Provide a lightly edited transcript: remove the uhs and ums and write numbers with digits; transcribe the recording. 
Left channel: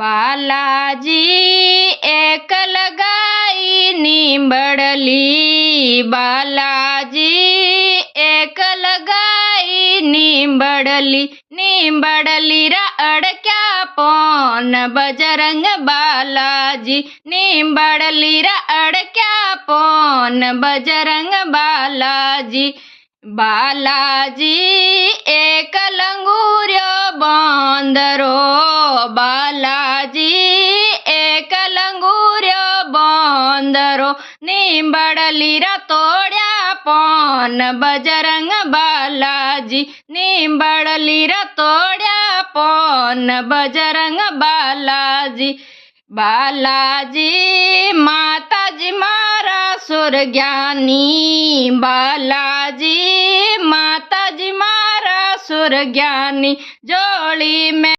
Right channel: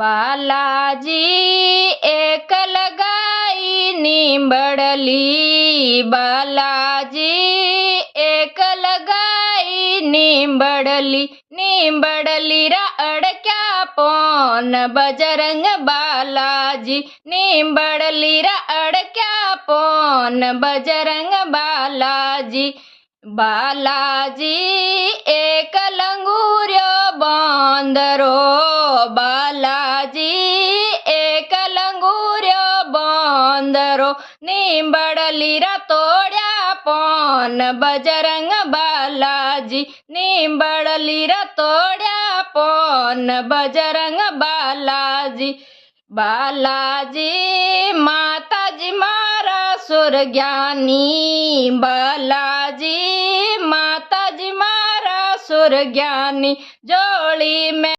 બાલાજી એક લગાઈ નીંબડલી, બાલાજી એક લગાઈ નીંબડલી, નીંબડલી રા અડક્યા પોન બજરંગ બાલાજી, નીંબડલી રા અડક્યા પોન બજરંગ બાલાજી. બાલાજી એક લંગુર્યો બંદરો, બાલાજી એક લંગુર્યો બંદરો, નીંબડલી રા તોડ્યા પોન બજરંગ બાલાજી, નીંબડલી રા તોડ્યા પોન બજરંગ બાલાજી. બાલાજી માતાજી મારા સુરજ્ઞાની, બાલાજી માતાજી મારા સુરજ્ઞાની, જોડી મેં